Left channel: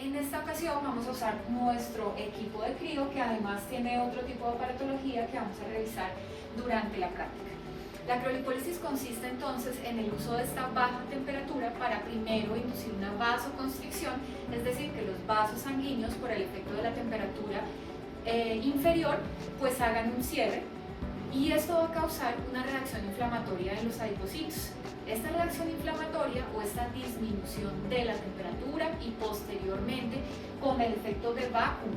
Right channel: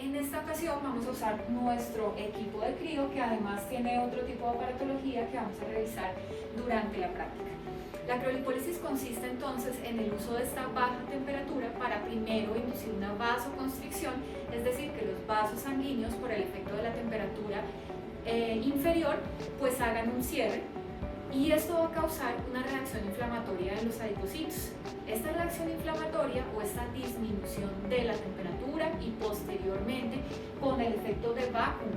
En esta ocasión vamos a usar nuestro equipo de crío, que además tiene otro tipo de aparatología que vamos a revisar durante la práctica. La criolipólisis consiste entonces en el uso de esta baja temperatura para primero inducir una vasoconstricción, es decir, que los vasos sanguíneos por el efecto de la temperatura inferior pues hagan un cierre, y esto va a causar una reacción inflamatoria en los adipocitos. Esta reacción inflamatoria o esta disminución de la temperatura y posteriormente con el efecto de vacuum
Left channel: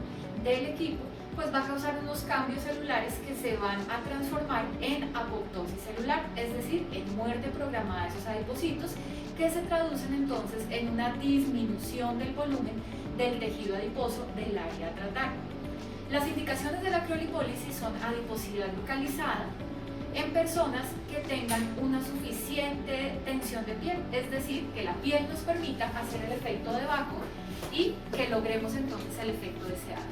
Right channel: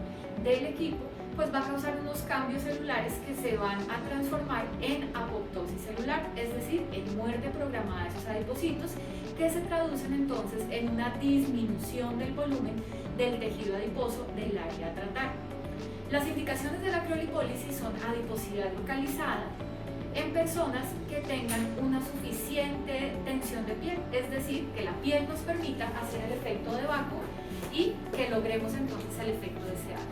del equipo pues va a causar unos cambios celulares que se van a transformar en apoptosis celular, es decir, en muerte programada de esos adipocitos, que se traducen entonces en una disminución del volumen del tejido adiposo del área a tratar. Las indicaciones de la criolipólisis son adiposidad localizada en personas que tengan una suficiente tensión de piel, es decir, que la piel nos permita hacer el efecto de vacuum y que logremos entonces el efecto deseado.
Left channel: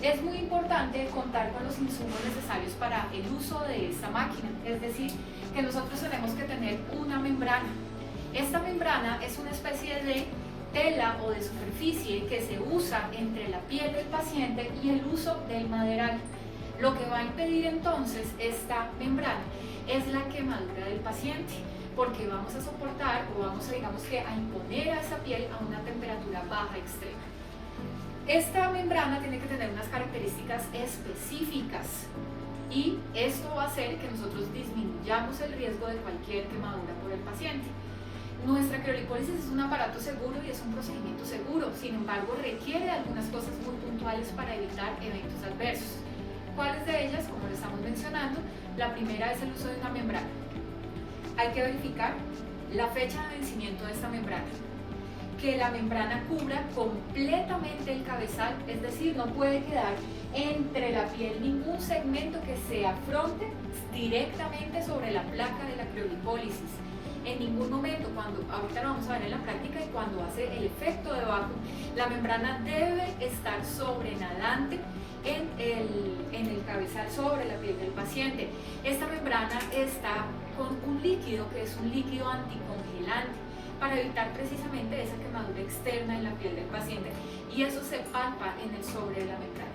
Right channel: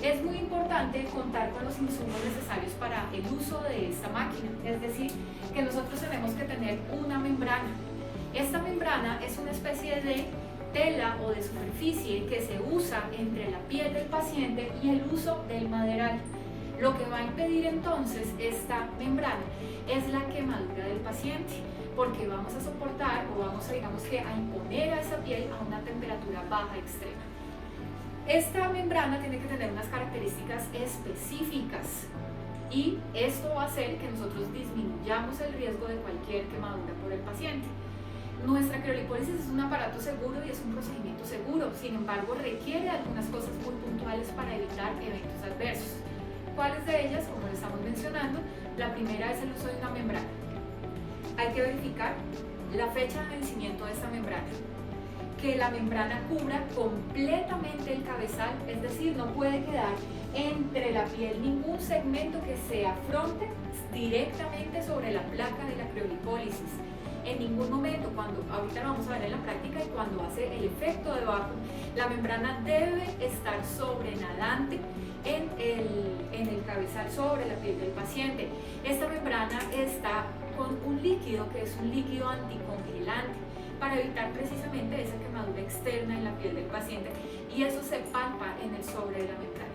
Es muy importante contar con los insumos necesarios para el uso de esta máquina, es decir, que nosotros tenemos que tener una membrana. Esta membrana es una especie de tela o de superficie que se usa entre la piel del paciente y el uso del maderal. Lo que va a impedir entonces esta membrana es la quemadura del paciente, porque vamos a soportar o vamos a, digamos que, a imponer a esa piel a una temperatura baja extrema. Esta membrana tiene que tener unas características específicas y esto va a hacer que nosotros disminuyamos el riesgo de cualquier quemadura por el paciente. Nuestra criolipólisis es un aparato seguro y es un procedimiento seguro, sin embargo requiere algunas cosas muy puntuales para evitar eventos adversos. ¿Cuáles de ellas? Como lo estamos mencionando, la primera es el uso de una membrana. Hay que verificar la fecha de vencimiento de esta membrana, que la membrana cubra completamente el cabezal, es decir, no puede quedar entre la piel ningún segmento que se afronte directamente sobre la placa de la criolipólisis. En ningún momento, ahorita lo vamos a ver en la práctica, y cuando hace el efecto de vacuum, la membrana debe estar sobrenadante en el cabezal, sobre la piel del paciente. Esta membrana está con un líquido que es un líquido anticongelante para evitar precisamente esa quemadura externa en la piel del paciente, y eso se palpa en el sobre de la membrana.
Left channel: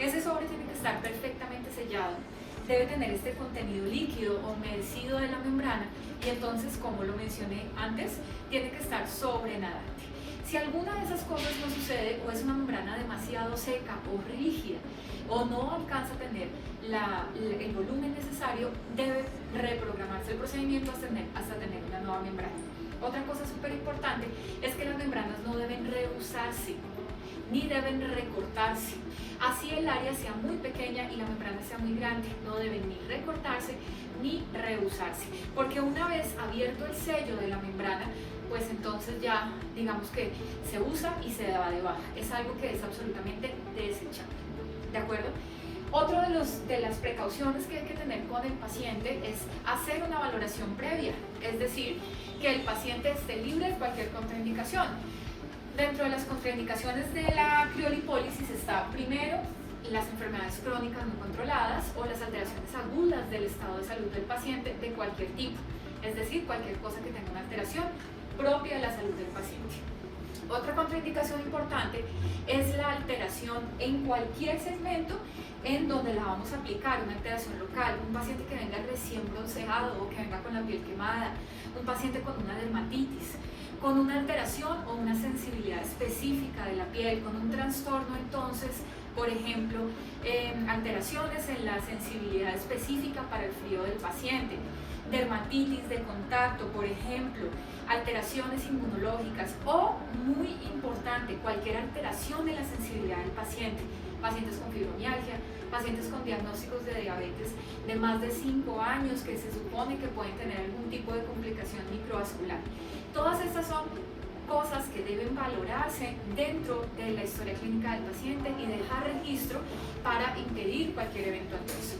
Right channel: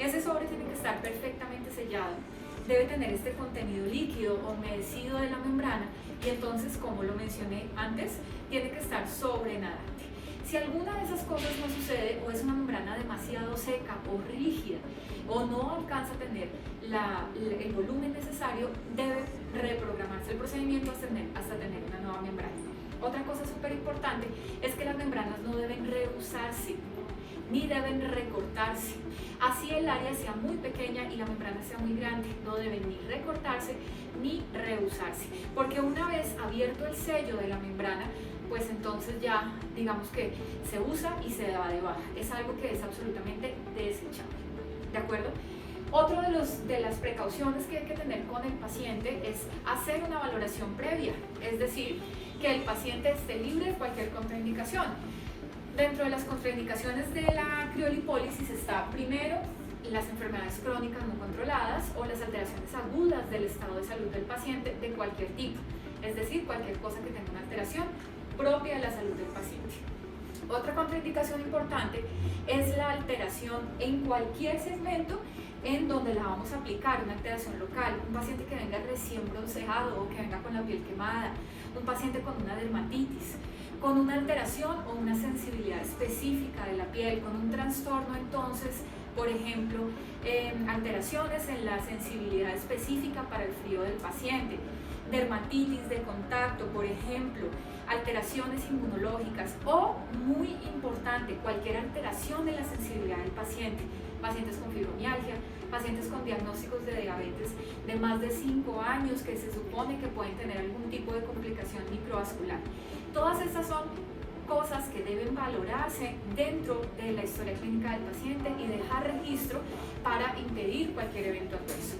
Ese sobre tiene que estar perfectamente sellado, debe tener este contenido líquido o humedecido de la membrana, y entonces, como lo mencioné antes, tiene que estar sobrenadante. Si alguna de esas cosas no sucede, o es una membrana demasiado seca o rígida, o no alcanza a tener el volumen necesario, debe reprogramarse el procedimiento hasta tener una nueva membrana. Otra cosa súper importante es que las membranas no deben reusarse, ni deben recortarse. Así el área sea muy pequeña y la membrana sea muy grande, no deben ni recortarse ni reusarse, porque una vez abierto el sello de la membrana, pues entonces ya digamos que se usa y se da de baja. Es algo que es absolutamente desechable, ¿de acuerdo? Otro de las precauciones que hay que tener con el paciente es hacer una valoración previa, es decir, que el paciente esté libre de cualquier contraindicación. Dentro de las contraindicaciones de la criolipólisis está primero las enfermedades crónicas no controladas o las alteraciones agudas del estado de salud del paciente de cualquier tipo, es decir, cualquier cosa que tenga una alteración propia de la salud del paciente. Otra contraindicación importante es la alteración en cualquier segmento en donde la vamos a aplicar, una alteración local, un paciente que venga recién bronceado o que venga con la piel quemada, un paciente con una dermatitis, con una alteración o una sensibilidad específica de la piel, con un trastorno entonces, por ejemplo, alteraciones en la sensibilidad específica para el frío del paciente, dermatitis de contacto, por ejemplo, alteraciones inmunológicas o, muy importante, cualquier alteración en la sensibilidad del paciente, pacientes con fibromialgia, pacientes con diagnósticos de diabetes de más de 5 años que se supone que pueden tener algún tipo de complicación microvascular. Todas estas son cosas que deben valorarse dentro de la historia clínica del paciente y dejar registro para impedir cualquier evento adverso.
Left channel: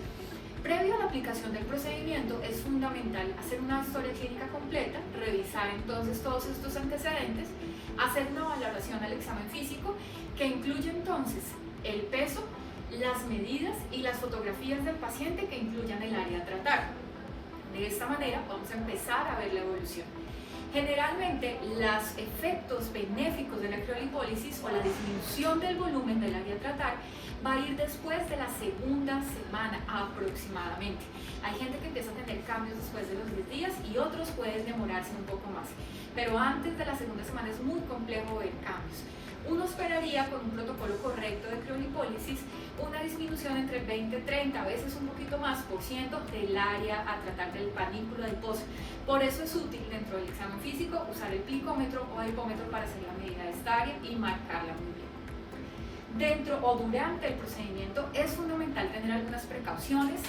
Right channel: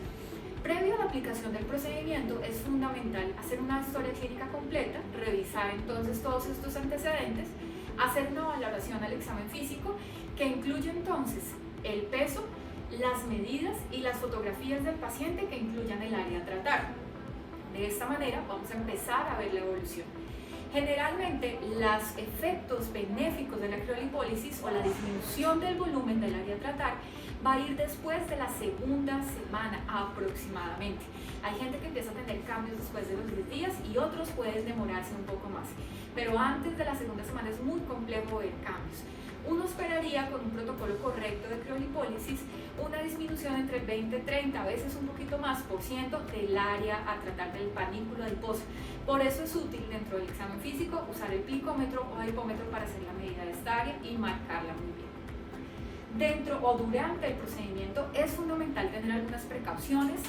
Previo a la aplicación del procedimiento es fundamental hacer una historia clínica completa, revisar entonces todos estos antecedentes, hacer una valoración al examen físico que incluye entonces el peso, las medidas y las fotografías del paciente que incluyan el área a tratar. De esta manera vamos a empezar a ver la evolución. Generalmente, los efectos benéficos de la criolipólisis o la disminución del volumen del área a tratar va a ir después de la segunda semana aproximadamente. Hay gente que empieza a tener cambios después de los 10 días y otros pueden demorarse un poco más. Pero antes de la segunda semana es muy complejo ver cambios. Uno esperaría, con un protocolo correcto de criolipólisis, una disminución entre el 20-30, a veces un poquito más, por ciento del área a tratar del panículo del pozo. Por eso es útil dentro del examen físico usar el plicómetro o hipómetro para hacer la medida de esta área y marcarla muy bien. Dentro o durante el procedimiento es fundamental tener algunas precauciones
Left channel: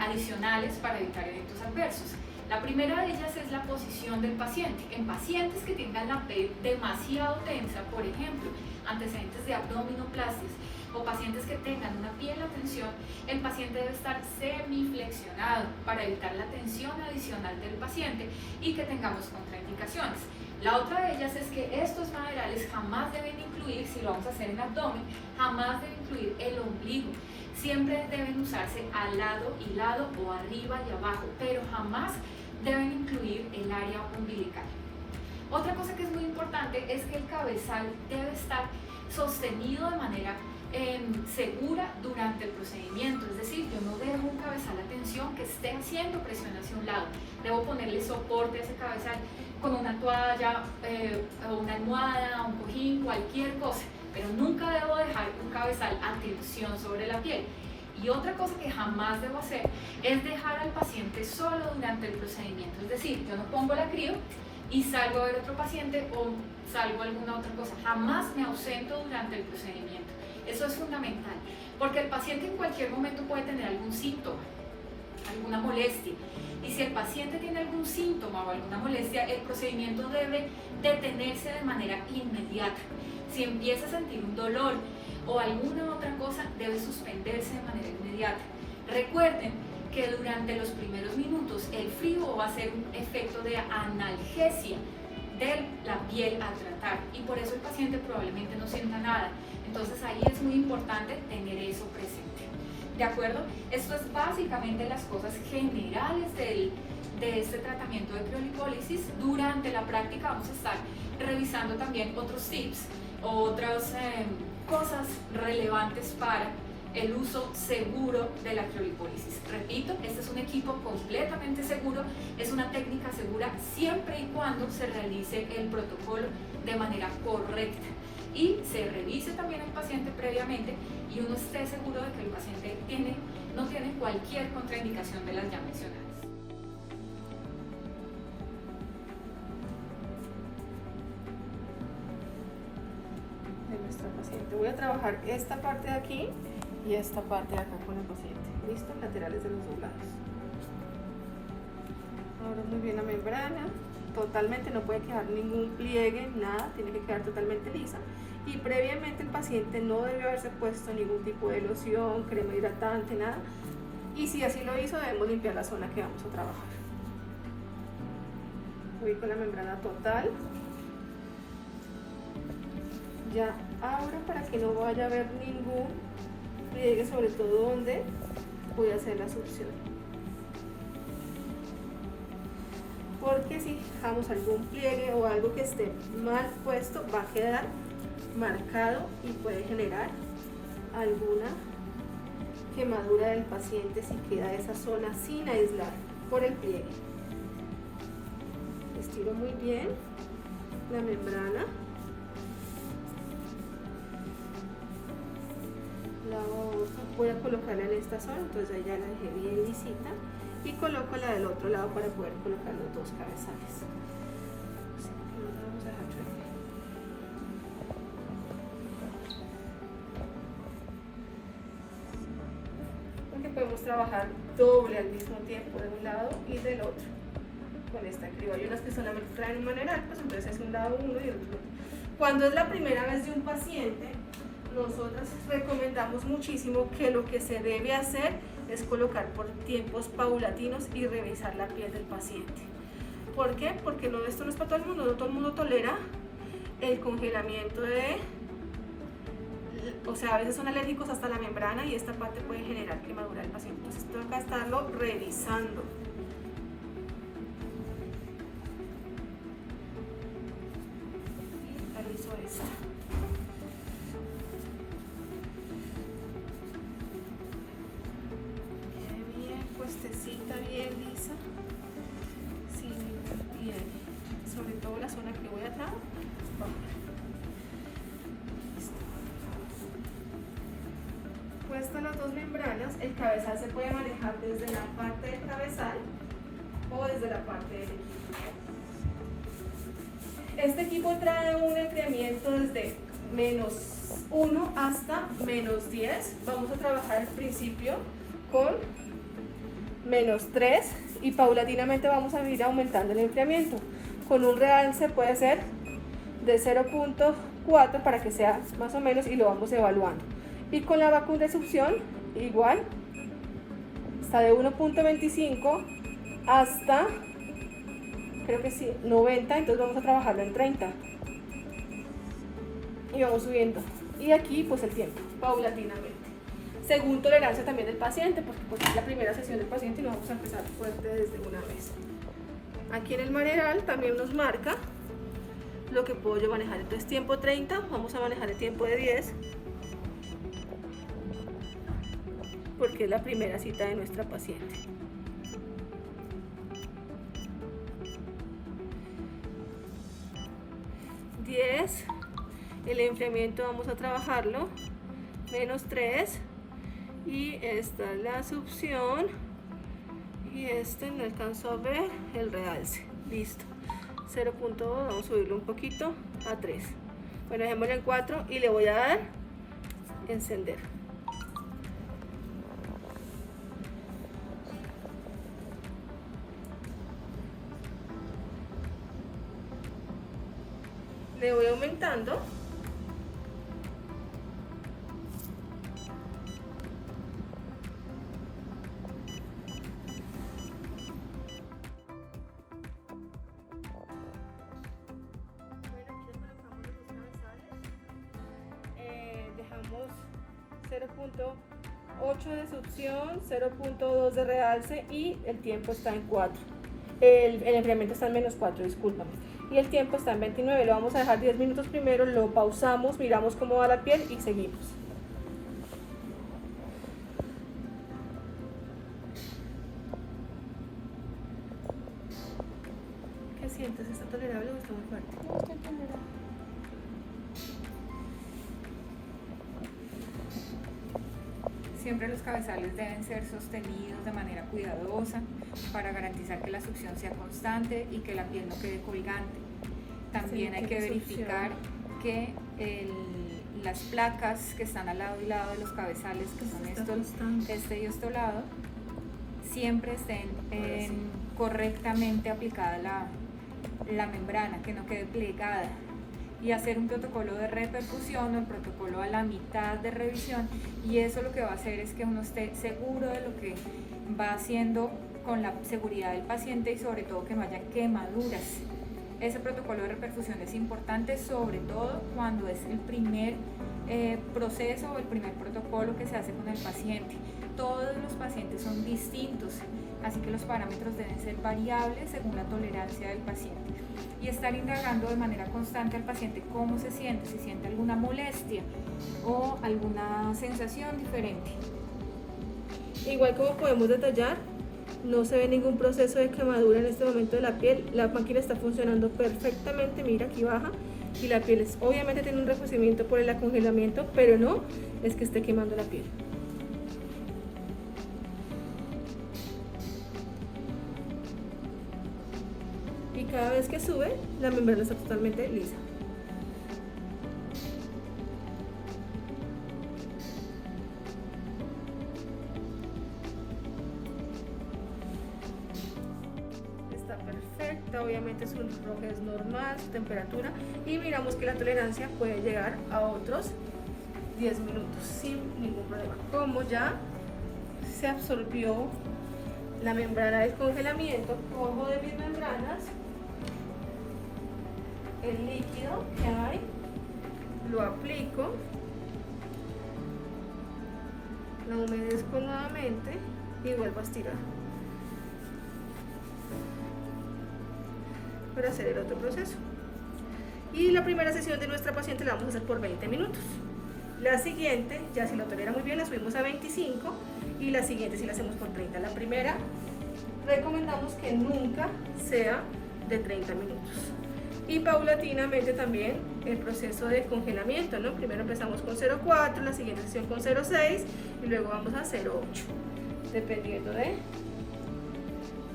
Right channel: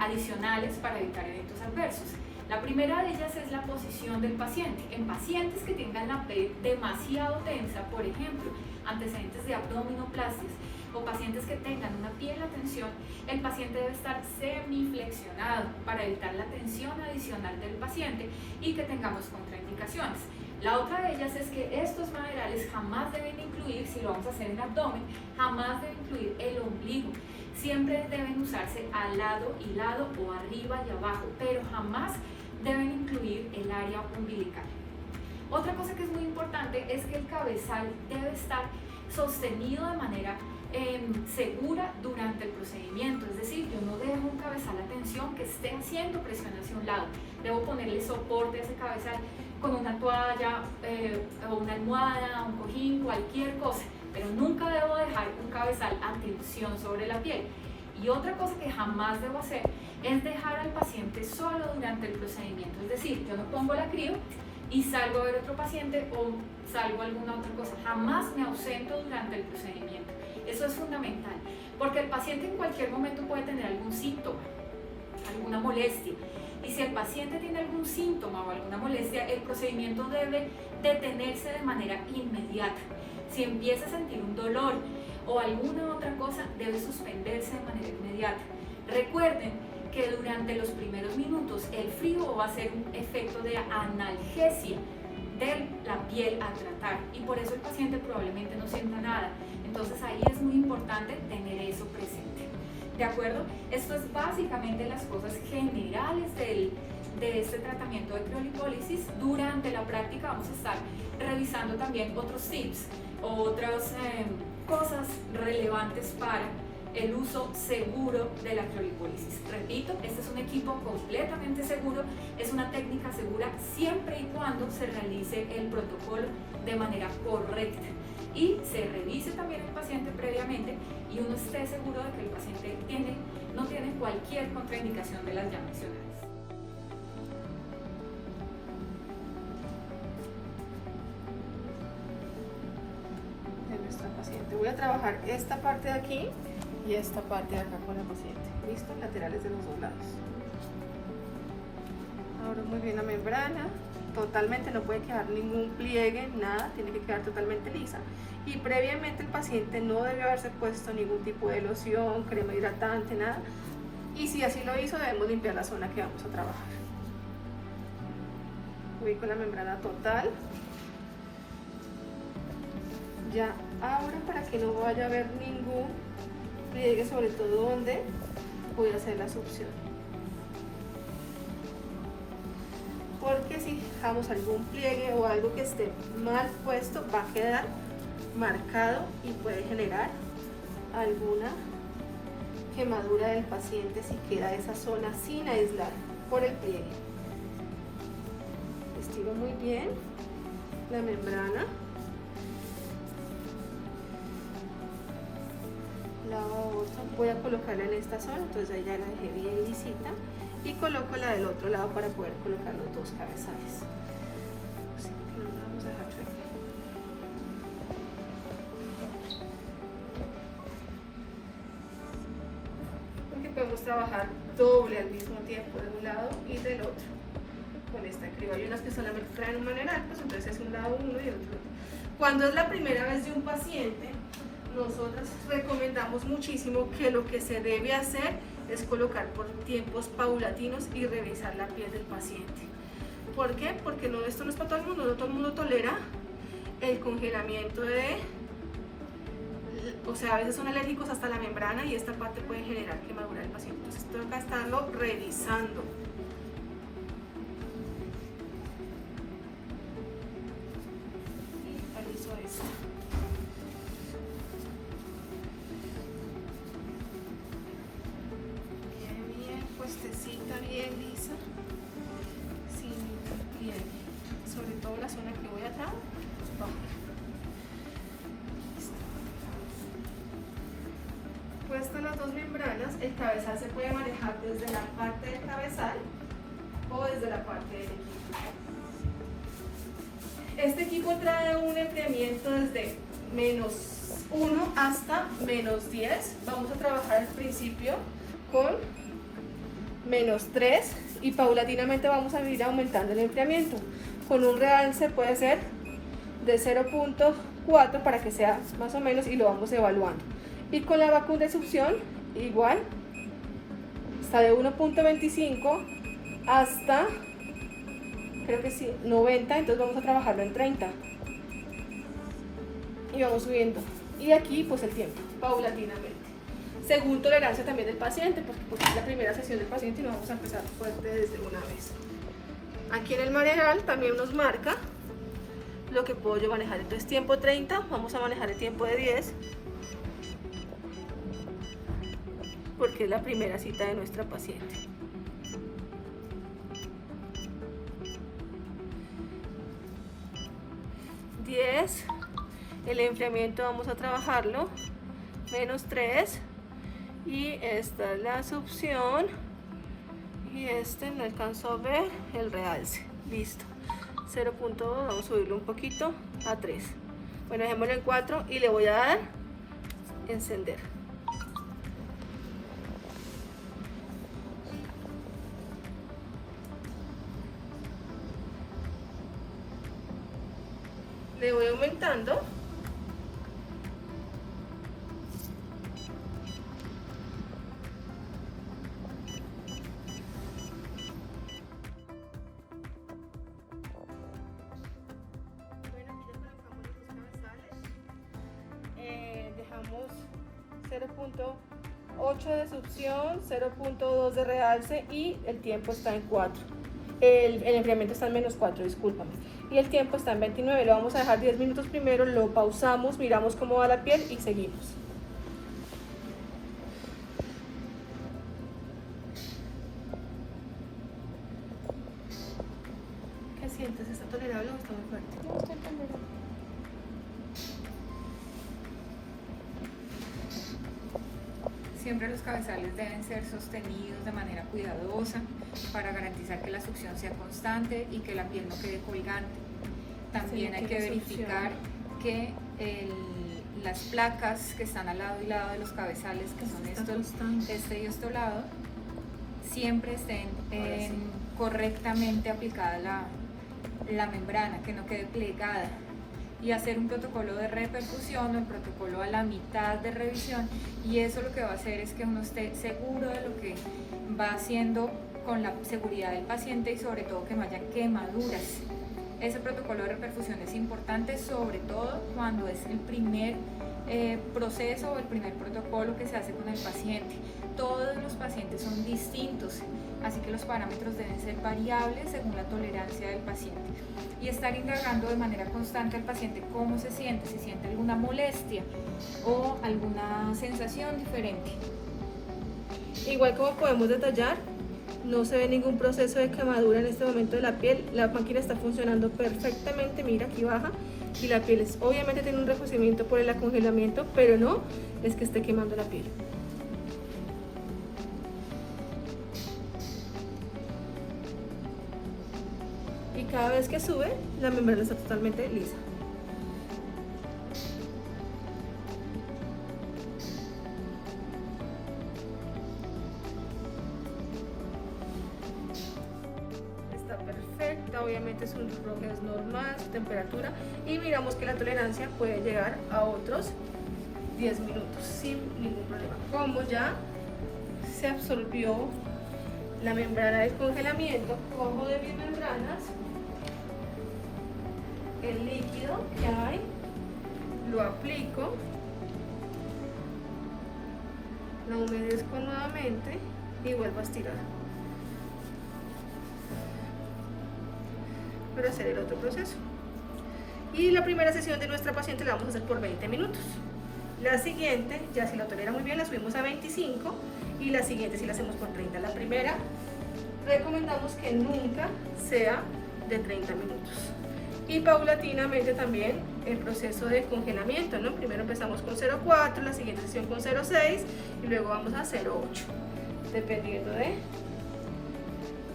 adicionales para evitar eventos adversos. La primera de ellas es la posición del paciente. En pacientes que tengan la piel demasiado tensa, por ejemplo, antecedentes de abdominoplastias o pacientes que tengan una piel a tensión, el paciente debe estar semiflexionado para evitar la tensión adicional del paciente y que tengamos contraindicaciones. La otra de ellas es que estos maderales jamás deben incluir, si lo vamos a hacer en abdomen, jamás deben incluir el ombligo. Siempre deben usarse al lado y lado o arriba y abajo, pero jamás deben incluir el área umbilical. Otra cosa que es muy importante es que el cabezal debe estar sostenido de manera segura durante el procedimiento, es decir, yo no dejo un cabezal a tensión que esté haciendo presión hacia un lado, debo ponerle soporte a ese cabezal con una toalla o una almohada, un cojín, cualquier cosa, pero nunca debo dejar un cabezal a tensión sobre la piel. Y otra cosa que jamás debo hacer es dejar al paciente solo durante el procedimiento, es decir, yo no pongo la crio y salgo a ver otro paciente o salgo a alguna otra cosa, jamás me ausento durante el procedimiento. Eso es fundamental, porque el paciente en cualquier momento puede tener algún síntoma, alguna molestia, y si el paciente tiene algún síntoma o alguna molestia, el procedimiento debe detenerse de manera inmediata. Si empieza a sentir un dolor o alguna otra cosa, debe suspenderse de manera inmediata. Recuerden que durante los primeros minutos el frío va a ser un efecto de analgesia de la piel a tratar y por eso el paciente probablemente no sienta nada. Entonces ahí es muy importante tener eso presente. ¿De acuerdo? Esto es básicamente las cosas generales de este tratamiento de criolipólisis. Durante la práctica vamos a estar revisando también otros tips, otras cosas relevantes para el uso seguro de la criolipólisis. Repito, este es un equipo completamente seguro, es una técnica segura siempre y cuando se realice el protocolo de manera correcta y se revise también el paciente previamente y uno esté seguro de que el paciente no tiene cualquier contraindicación de las ya mencionadas. De nuestra paciente. Voy a trabajar esta parte de aquí y esta parte de acá con el paciente. ¿Listo? Laterales de los dos lados. Ahora muy bien la membrana. Totalmente, no puede quedar ningún pliegue, nada, tiene que quedar totalmente lisa. Y previamente el paciente no debe haberse puesto ningún tipo de loción, crema hidratante, nada. Y si así lo hizo, debemos limpiar la zona que vamos a trabajar. Voy con la membrana total. Ya ahora, para que no vaya a haber ningún pliegue, sobre todo donde voy a hacer la succión. Porque si dejamos algún pliegue o algo que esté mal puesto, va a quedar marcado y puede generar alguna quemadura del paciente si queda esa zona sin aislar por el pliegue. Estiro muy bien la membrana. La otra voy a colocarla en esta zona, entonces ahí ya la dejé bien lisita. Y coloco la del otro lado para poder colocar los dos cabezales. Vamos a dejar chueco. Porque podemos trabajar doble al mismo tiempo de un lado y del otro con esta criba. Hay unas que solamente traen un maneral, pues entonces es un lado uno y el otro. Cuando es la primera vez de un paciente, nosotros recomendamos muchísimo que lo que se debe hacer es colocar por tiempos paulatinos y revisar la piel del paciente. ¿Por qué? Porque esto no es para todo el mundo, no todo el mundo tolera el congelamiento o sea, a veces son alérgicos hasta la membrana y esta parte puede generar quemadura del paciente. Entonces tengo que estarlo revisando. bien lisa, sin ningún pliegue, sobre todo la zona que voy acá, abajo. Puestas las dos membranas, el cabezal se puede manejar desde la parte del cabezal o desde la parte del equipo. Este equipo trae un enfriamiento desde -1 hasta -10. Vamos a trabajar al principio con -3 y paulatinamente vamos a ir aumentando el enfriamiento. Con un realce puede ser de 0.4 para que sea más o menos, y lo vamos evaluando. Y con la vacuna de succión igual, está de 1.25 hasta, creo que sí, 90, entonces vamos a trabajarlo en 30 y vamos subiendo, y aquí pues el tiempo, paulatinamente, según tolerancia también del paciente, porque pues es la primera sesión del paciente y no vamos a empezar fuerte desde una vez. Aquí en el manual también nos marca lo que puedo yo manejar. Entonces tiempo 30, vamos a manejar el tiempo de 10, porque es la primera cita de nuestra paciente. El enfriamiento vamos a trabajarlo -3, y esta es la succión, y este no alcanzo a ver el realce. Listo, 0.2, vamos a subirlo un poquito a 3. Bueno, dejémoslo en 4 y le voy a dar encender. Le voy aumentando. Dejamos 0.8 de succión, 0.2 de realce y el tiempo está en 4. El enfriamiento está en -4, discúlpame. Y el tiempo está en 29. Lo vamos a dejar 10 minutos primero, lo pausamos, miramos cómo va la piel y seguimos. ¿Qué sientes? ¿Está tolerable o está muy fuerte? No está tolerable. Siempre los cabezales deben ser sostenidos de manera cuidadosa para garantizar que la succión sea constante y que la piel no quede colgante. También hay que verificar que las placas que están al lado y lado de los cabezales, que son este y este lado, siempre estén correctamente aplicada la membrana, que no quede plegada. Y hacer un protocolo de repercusión o el protocolo a la mitad de revisión, y eso lo que va a hacer es que uno esté seguro de lo que va haciendo con la seguridad del paciente y sobre todo que no hayan quemaduras. Ese protocolo de reperfusión es importante, sobre todo cuando es el primer proceso o el primer protocolo que se hace con el paciente. Todos los pacientes son distintos, así que los parámetros deben ser variables según la tolerancia del paciente. Y estar indagando de manera constante al paciente cómo se siente, si siente alguna molestia o alguna sensación diferente. Igual como podemos detallar, no se ve ningún proceso de quemadura en este momento de la piel. La máquina está funcionando perfectamente, mira aquí baja, y la piel obviamente tiene un rejuvenecimiento por el acongelamiento, pero no es que esté quemando la piel. Y cada vez que sube, la membrana está totalmente lisa. Obviamente su reloj es normal, su temperatura, y miramos que la tolerancia puede llegar a otros 10 minutos sin ningún problema. Como ya se absorbió la membrana del congelamiento, cojo de mis membranas el líquido que hay, lo aplico, lo humedezco nuevamente y vuelvo a estirar. Para hacer el otro proceso. Y la primera sesión de nuestra paciente la vamos a hacer por 20 minutos. La siguiente, ya si lo tolera muy bien, la subimos a 25, y la siguiente si la hacemos por 30. La primera recomendamos que nunca sea de 30 minutos. Y paulatinamente también el proceso de congelamiento, ¿no? Primero empezamos con 0,4, la siguiente sesión con 0,6 y luego vamos a 0,8, dependiendo de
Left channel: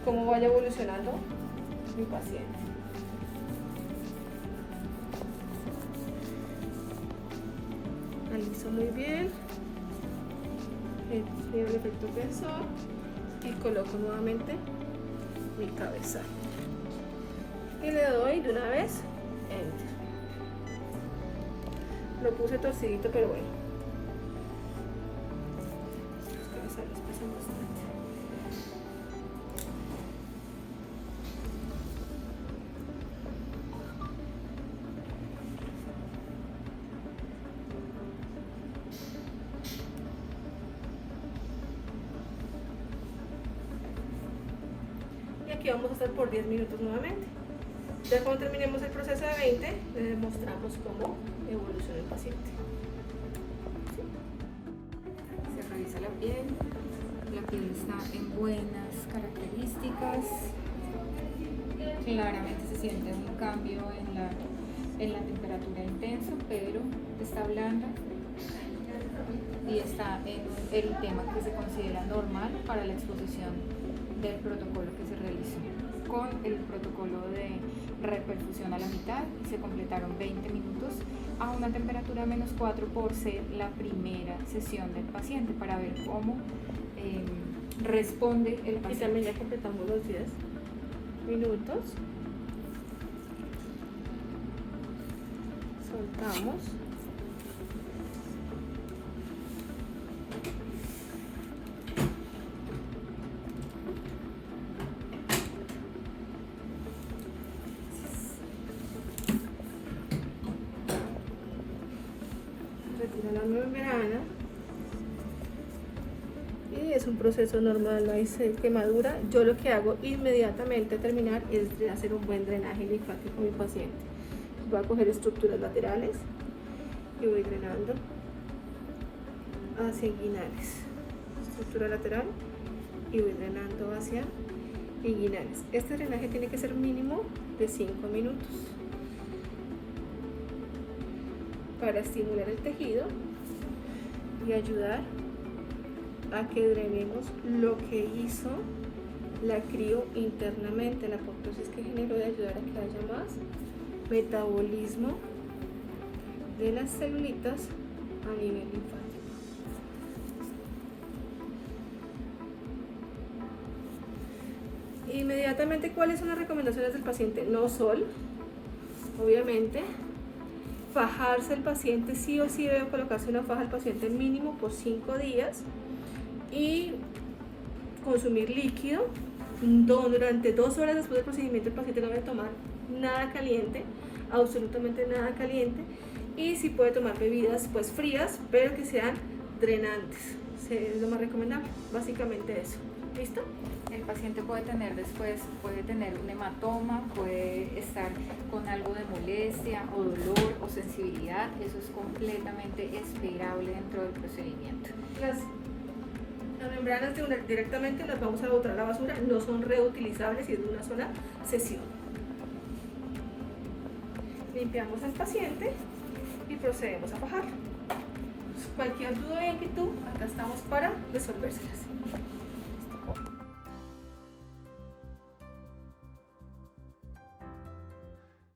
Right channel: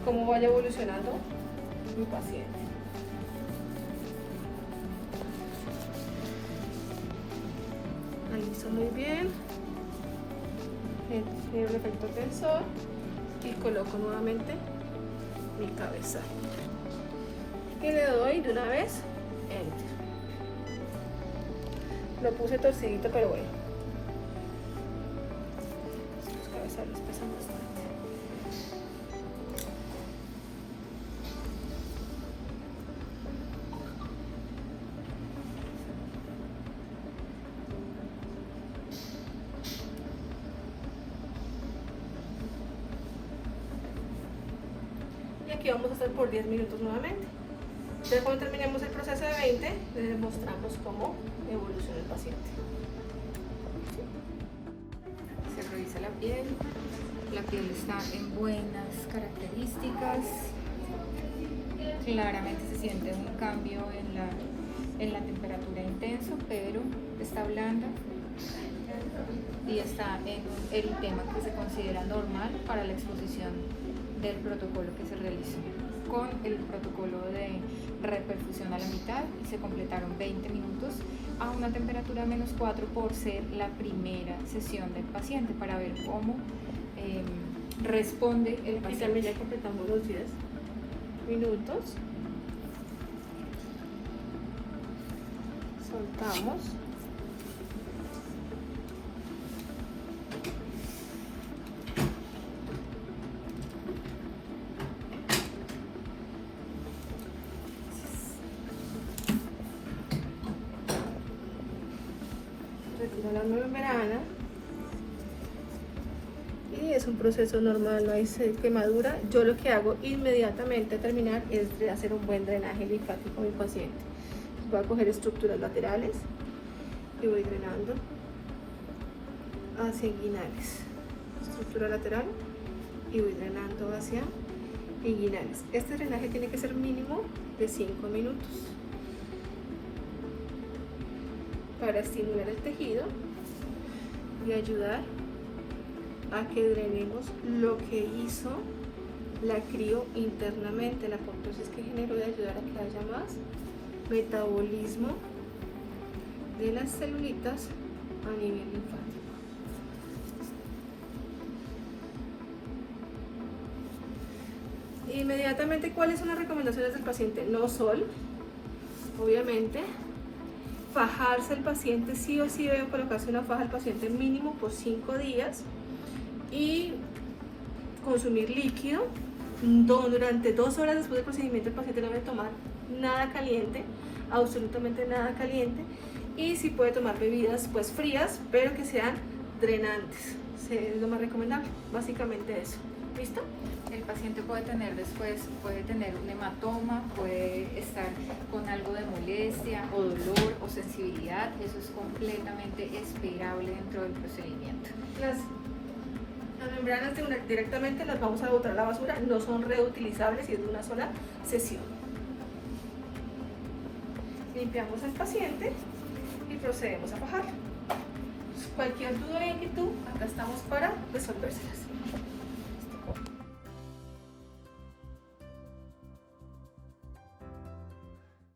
cómo vaya evolucionando mi paciente. Analizo muy bien el efecto tensor y coloco nuevamente mi cabeza. Y le doy de una vez enter. Lo puse torcidito, pero bueno. Sus cabezales pesan bastante. Y aquí vamos a hacer por 10 minutos nuevamente. Ya cuando terminemos el proceso de 20, les mostramos cómo evoluciona el paciente. Se revisa la piel está en buenas características, claramente se siente un cambio en la temperatura intenso, pero está blanda y está en el eritema que se considera normal para la exposición del protocolo que se realizó con el protocolo de reperfusión a la mitad y se completaron 20 minutos a una temperatura -4 por ser la primera sesión del paciente para ver cómo responde el Y paciente. también ya completamos los 10 minutos. Soltamos. Retiro la membrana. Y es un proceso normal, no hay quemadura. Yo lo que hago inmediatamente al terminar es de hacer un buen drenaje linfático a mi paciente. Voy a coger estructuras laterales y voy drenando hacia inguinales. Estructura lateral y voy drenando hacia inguinales. Este drenaje tiene que ser mínimo de 5 minutos para estimular el tejido y ayudar a que drenemos lo que hizo la crio internamente, la apoptosis que generó, de ayudar a que haya más metabolismo de las celulitas a nivel linfático. Inmediatamente, ¿cuáles son las recomendaciones del paciente? No sol, obviamente. Fajarse el paciente, sí o sí debe colocarse una faja al paciente mínimo por 5 días y consumir líquido. Durante 2 horas después del procedimiento el paciente no debe tomar nada caliente, absolutamente nada caliente, y si puede tomar bebidas pues frías, pero que sean drenantes, es lo más recomendable, básicamente eso. ¿Listo? El paciente puede tener después, puede tener un hematoma, puede estar con algo de molestia o dolor o sensibilidad, eso es completamente esperable dentro del procedimiento. Las membranas directamente las vamos a botar a la basura, no son reutilizables y es de una sola sesión. Limpiamos al paciente y procedemos a fajarlo. Cualquier duda o inquietud, acá estamos para resolvérselas.